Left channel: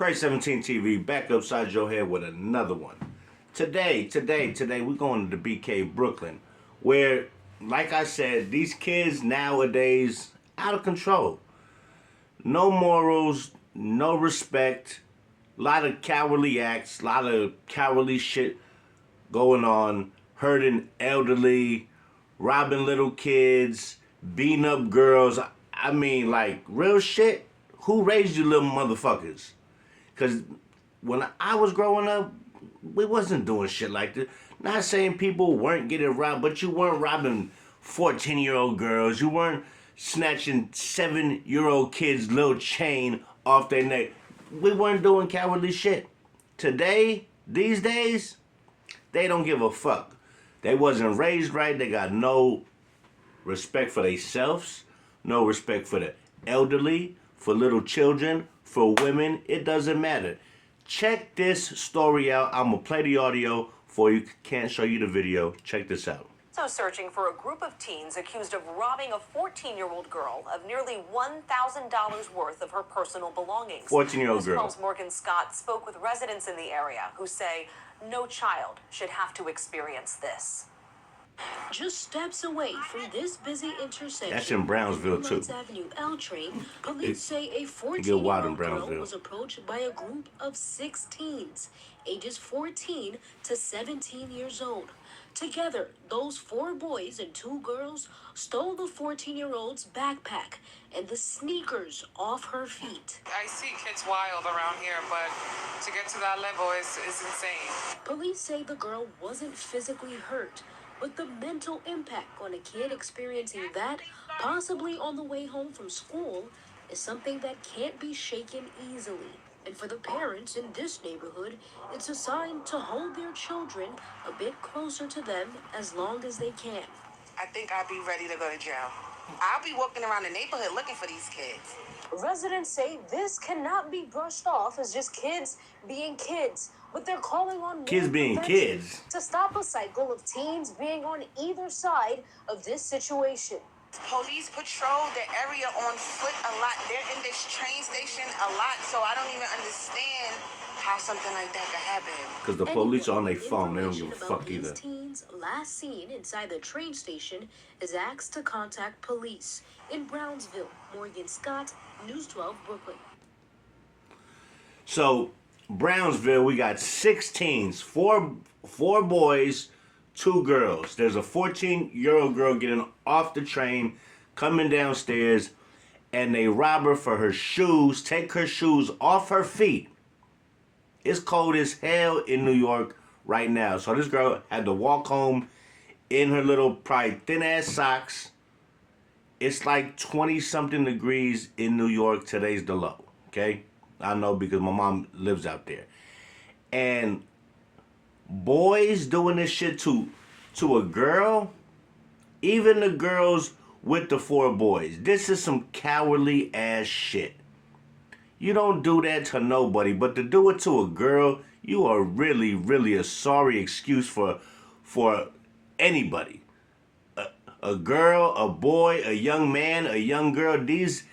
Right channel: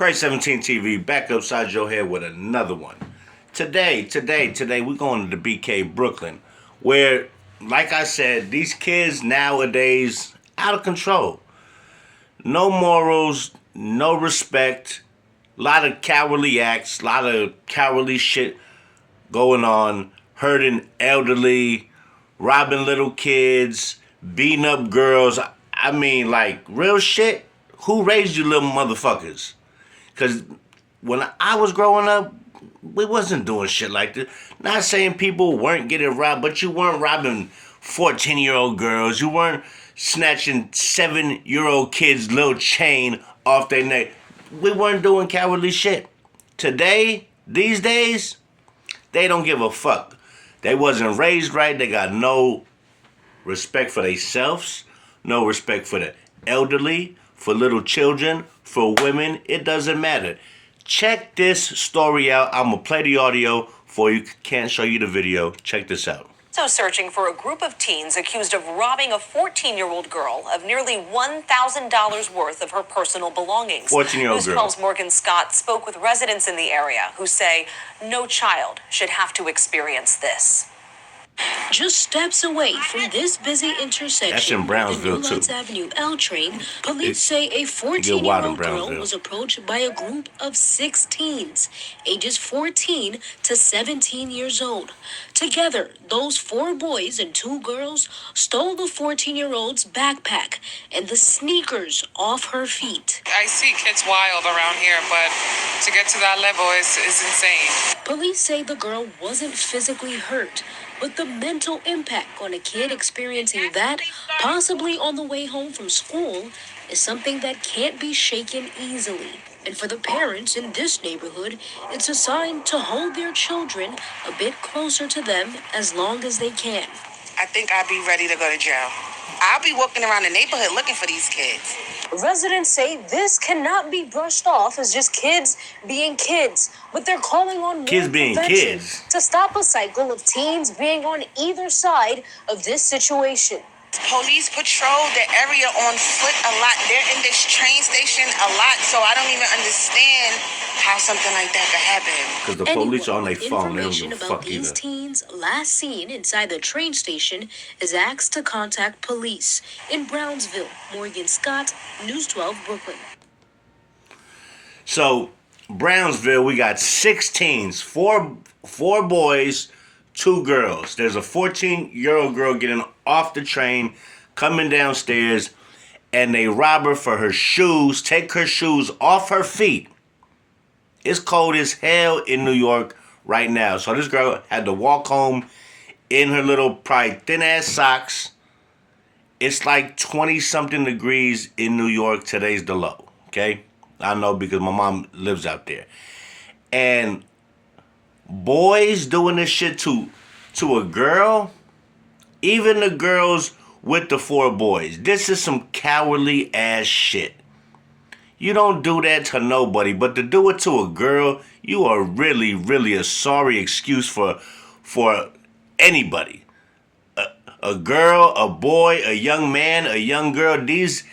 Christ 17 TV back upside your head with another one. Today, we're going to the BK Brooklyn, where, like I said, these kids nowadays out of control. No morals, no respect, a lot of cowardly acts, a lot of cowardly shit going on, hurting elderly, robbing little kids, beating up girls. I mean, like, real shit. Who raised you little motherfuckers? Because when I was growing up, we wasn't doing shit like this. Not saying people weren't getting robbed, but you weren't robbing 14-year-old girls. You weren't snatching 7-year-old kids' little chain off their neck. We weren't doing cowardly shit. Today, these days, they don't give a fuck. They wasn't raised right. They got no respect for themselves, no respect for the elderly, for little children, for women. It doesn't matter. Check this story out. I'm going to play the audio for you. Can't show you the video. Check this out. So searching for a group of teens accused of robbing a 14-year-old girl of nearly $1,000 worth of her personal belongings. 14-year-old News girl. 12's Morgan Scott spoke with residents in the area who say no child should have to experience this. Just steps away from this busy intersection, That's in Brownsville, too. Avenue L train, police say a 14-year-old girl was approached by a group of 6 teens, ages 14 to 17 years old. Together, those 4 boys and 2 girls stole the 14-year-old's backpack and the sneakers off her feet. I see kids wild around here, but to get to that level is insane. Police say the girl wasn't physically hurt, but the mental impact on a kid experiencing that, possibly on the way home from school, is something that can't be shaken easily. And for the parents in this neighborhood, it's a sign to hold their children a bit closer to them as long as they can. I think I'd be ready to go to jail. I'll be walking around the neighborhood looking for these kids. Residents say this cannot be brushed off as just kids being kids, but they're calling on kids being kids to stop a cycle of teens being on either side of this situation. Police patrol the area on foot a lot. They're in this train station a lot, so I don't even understand how something like that could happen. Because the police are on their phone, they don't give a fuck these either. teens last seen inside the train station is asked to contact police. In Brownsville, Morgan Scott, News 12 Brooklyn. So, Brownsville, we got 6 teens, 4 boys, 2 girls. There's a 14-year-old girl getting off the train, coming downstairs, and they rob her for her shoes, take her shoes off her feet. It's cold as hell in New York right now. So this girl had to walk home in her little, probably thin-ass socks. It's like 20-something degrees in New York. Today's the low, okay? I know because my mom lives out there. And boys doing this shit to a girl, even the girls with the 4 boys. This is some cowardly ass shit. You don't do that to nobody, but to do it to a girl, you are really, really a sorry excuse for anybody. A girl, a boy, a young man, a young girl, these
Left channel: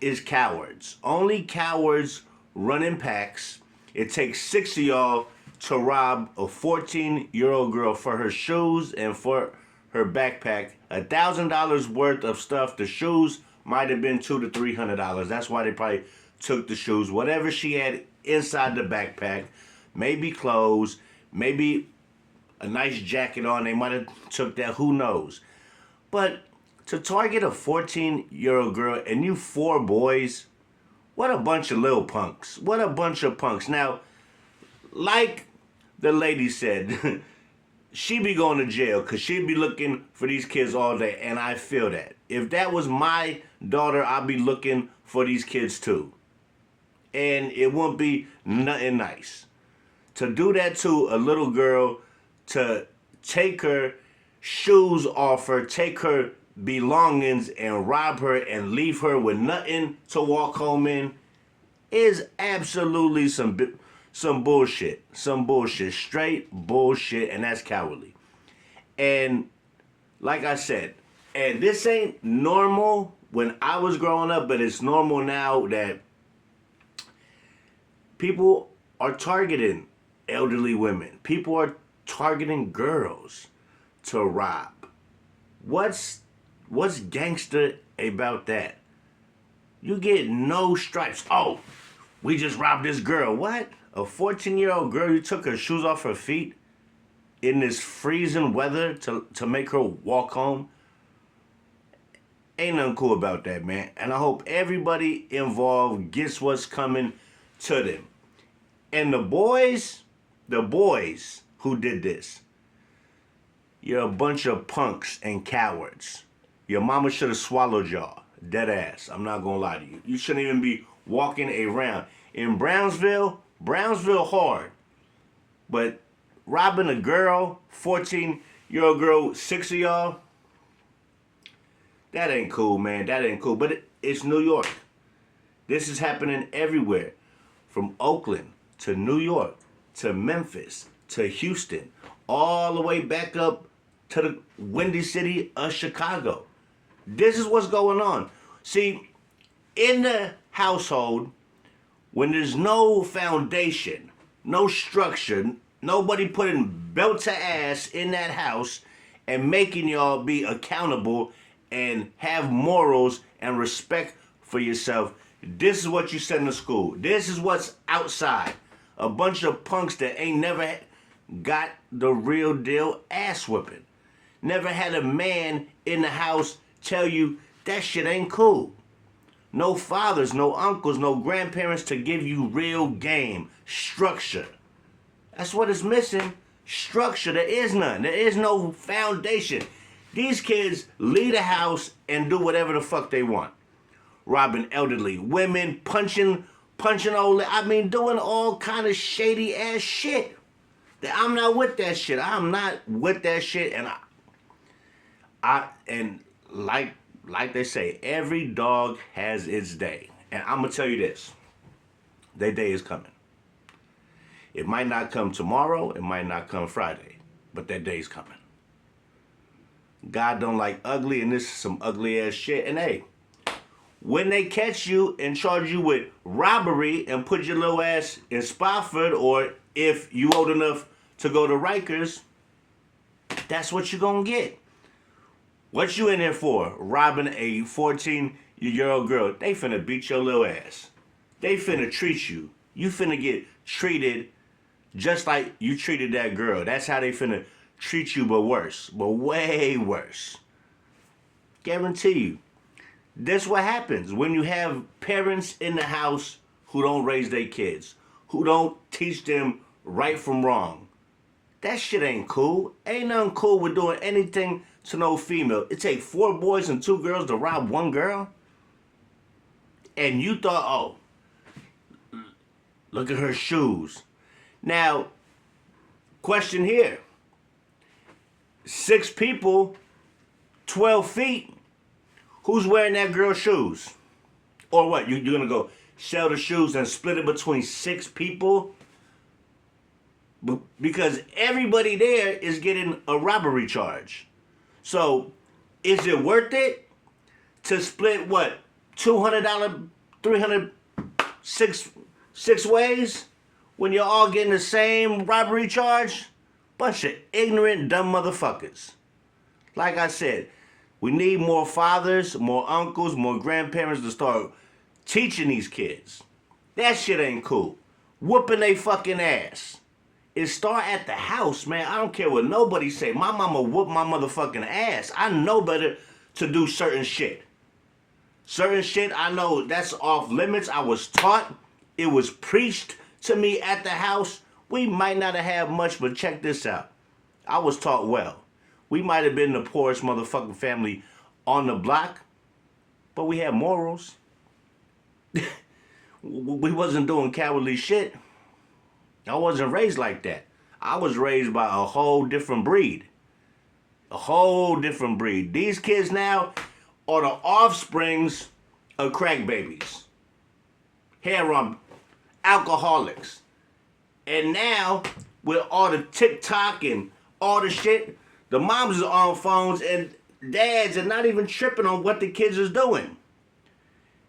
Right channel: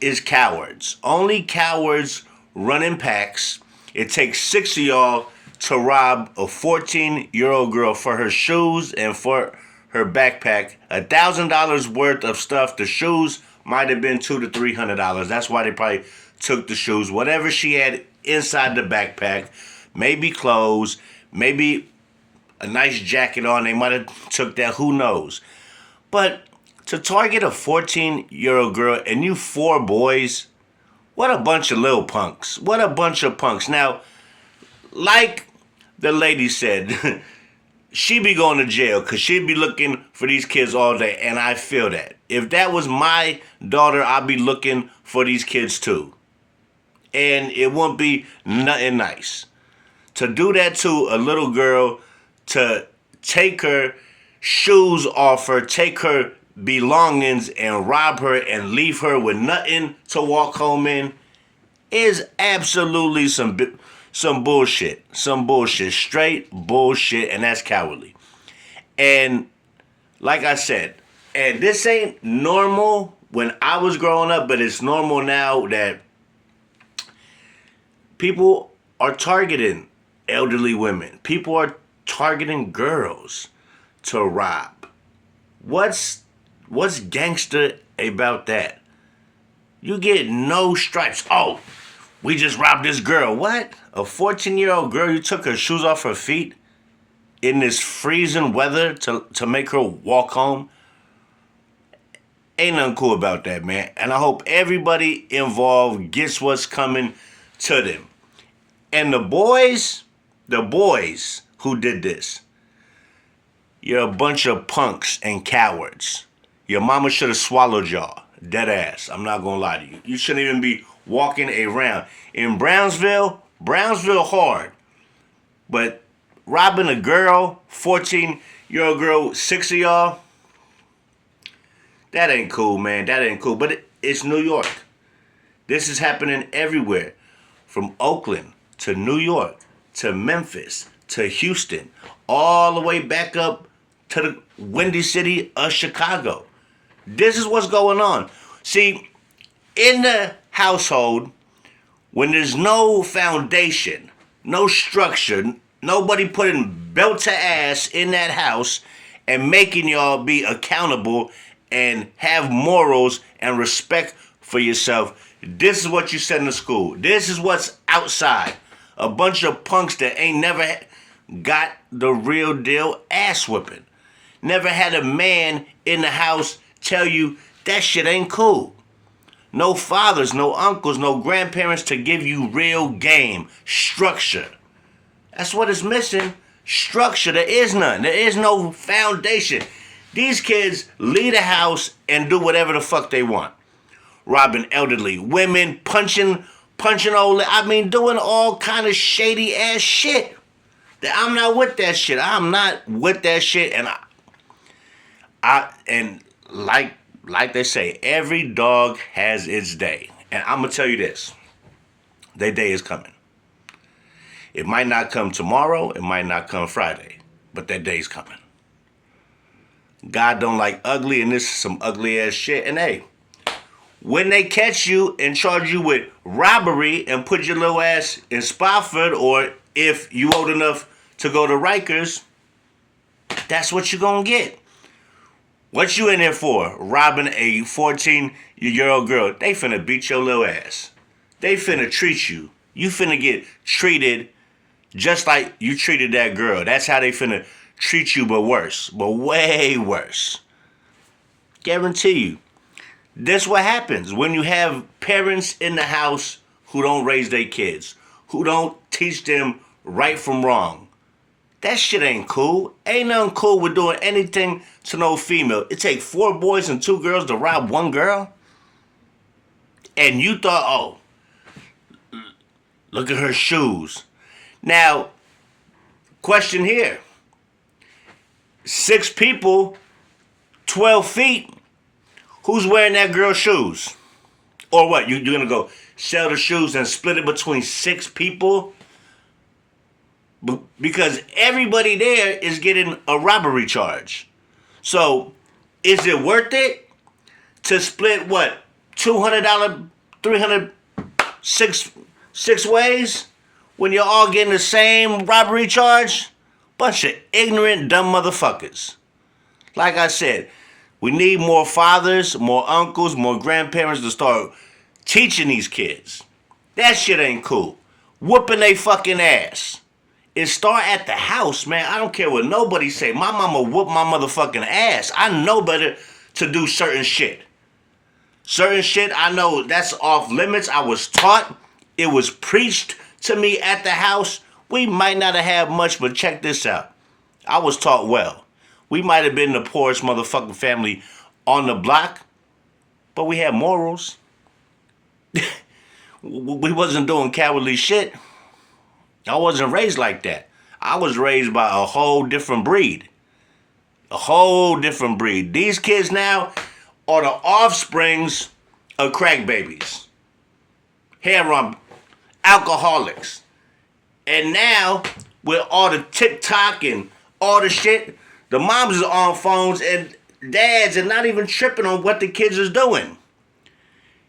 is cowards. Only cowards run in packs. It takes 6 of y'all to rob a 14-year-old girl for her shoes and for her backpack. $1,000 worth of stuff. The shoes might have been $200 to $300. That's why they probably took the shoes. Whatever she had inside the backpack, maybe clothes, maybe a nice jacket on. They might have took that. Who knows? But to target a 14-year-old girl and you 4 boys, what a bunch of little punks. What a bunch of punks. Now, like the lady said, she be going to jail because she'd be looking for these kids all day, and I feel that. If that was my daughter, I'd be looking for these kids too. And it wouldn't be nothing nice. To do that to a little girl, to take her shoes off her, take her belongings and rob her and leave her with nothing to walk home in, is absolutely some bullshit. Some bullshit. Straight bullshit, and that's cowardly. And like I said, and this ain't normal when I was growing up, but it's normal now that People are targeting elderly women. People are targeting girls to rob. What's gangster about that? You get no stripes. Oh, we just robbed this girl. What? A 14-year-old girl, you took her shoes off her feet in this freezing weather to make her walk home? Ain't nothing cool about that, man. And I hope everybody involved gets what's coming to them. And the boys who did this, you're a bunch of punks and cowards. Your mama should have swallowed y'all. Dead ass. I'm not gonna lie to you. You shouldn't even be walking around. In Brownsville hard. But robbing a girl, 14-year-old girl, 6 of y'all, that ain't cool, man. That ain't cool. But it's New York. This is happening everywhere. From Oakland to New York to Memphis to Houston, all the way back up to the windy city of Chicago. This is what's going on. See, in the household, when there's no foundation, no structure, nobody putting belt to ass in that house and making y'all be accountable and have morals and respect for yourself, this is what you send to school. This is what's outside. A bunch of punks that ain't never got the real deal ass whipping. Never had a man in the house tell you that shit ain't cool. No fathers, no uncles, no grandparents to give you real game, structure. That's what is missing. Structure. There is none. There is no foundation. These kids leave the house and do whatever the fuck they want. Robbing elderly women, punching old, doing all kind of shady ass shit. I'm not with that shit. I'm not with that shit. And and like they say, every dog has its day. And I'm gonna tell you this. Their day is coming. It might not come tomorrow, it might not come Friday, but that day's coming. God don't like ugly, and this is some ugly ass shit. And hey, when they catch you and charge you with robbery and put your little ass in Spofford, or if you old enough to go to Rikers, that's what you gonna get. What you in there for? Robbing a 14-year-old girl. They finna beat your little ass. They finna treat you. You finna get treated just like you treated that girl. That's how they finna treat you, but worse. But way worse. Guarantee you. This what happens when you have parents in the house who don't raise their kids, who don't teach them right from wrong. That shit ain't cool. Ain't nothing cool with doing anything to no female. It take 4 boys and 2 girls to rob 1 girl? And you thought, oh, look at her shoes. Now, question here. 6 people, 12 feet. Who's wearing that girl's shoes? Or what? You're going to go sell the shoes and split it between 6 people? Because everybody there is getting a robbery charge. So, is it worth it to split what? $200, $300, six ways? When you're all getting the same robbery charge? Bunch of ignorant, dumb motherfuckers. Like I said, we need more fathers, more uncles, more grandparents to start teaching these kids. That shit ain't cool. Whooping they fucking ass. It start at the house, man. I don't care what nobody say. My mama whooped my motherfucking ass. I know better to do certain shit. Certain shit, I know that's off limits. I was taught. It was preached to me at the house. We might not have had much, but check this out. I was taught well. We might have been the poorest motherfucking family on the block, but we had morals. We wasn't doing cowardly shit. I wasn't raised like that. I was raised by a whole different breed. A whole different breed. These kids now are the offsprings of crack babies. Heroin, alcoholics. And now, with all the TikTok and all the shit, the moms are on phones and dads are not even tripping on what the kids is doing.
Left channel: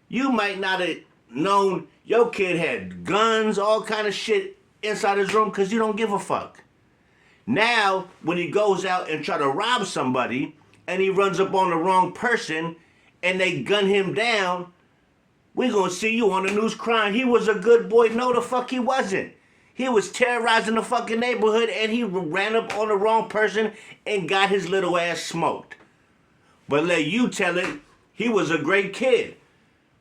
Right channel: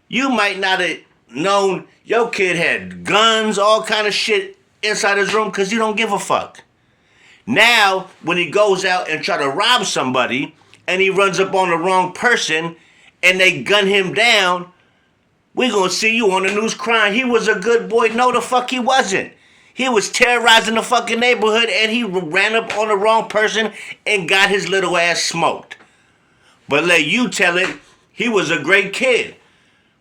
You might not have known your kid had guns, all kind of shit inside his room because you don't give a fuck. Now, when he goes out and try to rob somebody and he runs up on the wrong person and they gun him down, we're going to see you on the news crying, he was a good boy. No, the fuck he wasn't. He was terrorizing the fucking neighborhood and he ran up on the wrong person and got his little ass smoked. But let you tell it, he was a great kid.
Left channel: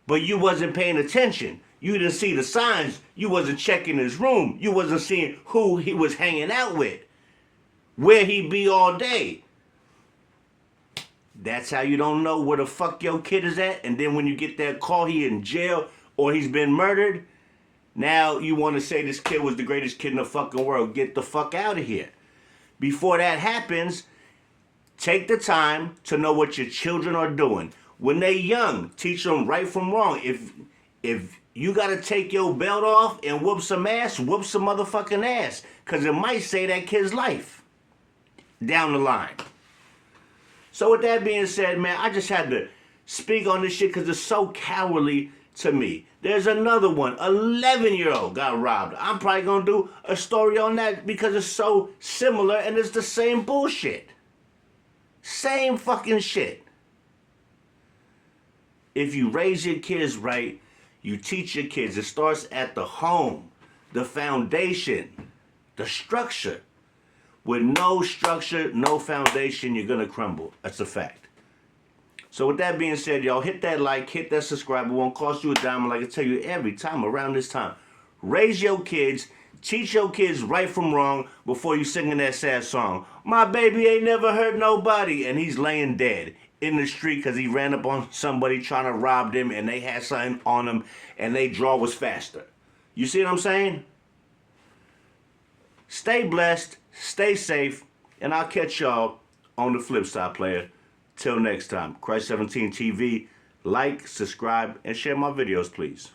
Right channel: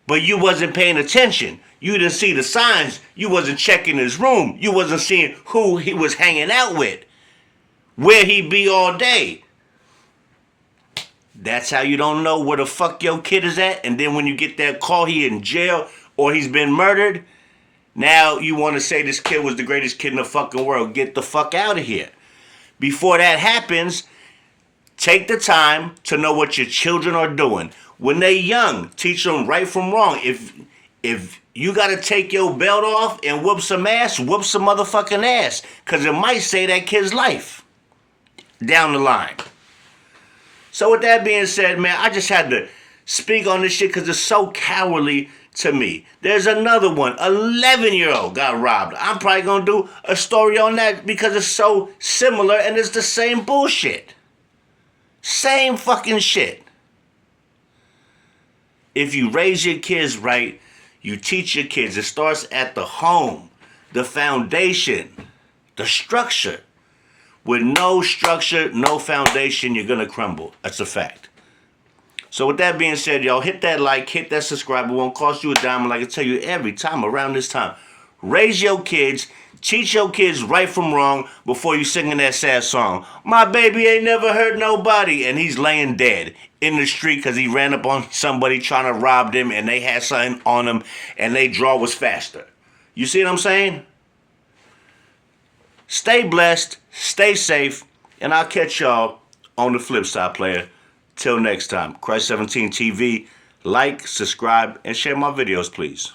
But you wasn't paying attention. You didn't see the signs. You wasn't checking his room. You wasn't seeing who he was hanging out with. Where he be all day. That's how you don't know where the fuck your kid is at. And then when you get that call, he in jail or he's been murdered. Now you want to say this kid was the greatest kid in the fucking world. Get the fuck out of here. Before that happens, take the time to know what your children are doing. When they young, teach them right from wrong. If you got to take your belt off and whoop some ass, whoop some motherfucking ass. Because it might save that kid's life down the line. So with that being said, man, I just had to speak on this shit because it's so cowardly to me. There's another one, 11-year-old got robbed. I'm probably going to do a story on that because it's so similar and it's the same bullshit. Same fucking shit. If you raise your kids right, you teach your kids. It starts at the home, the foundation, the structure. With no structure, no foundation, you're going to crumble. That's a fact. So with that being said, y'all, hit that like, hit that subscribe. It won't cost you a dime. Like I tell you every time around this time. Raise your kids. Teach your kids right from wrong before you singing that sad song. My baby ain't never hurt nobody. And he's laying dead in the street because he ran up on somebody trying to rob them and they had something on them and they draw was faster. You see what I'm saying? Stay blessed, stay safe, and I'll catch y'all on the flip side, player. Till next time, Christ 17 TV, like, subscribe, and share my videos, please.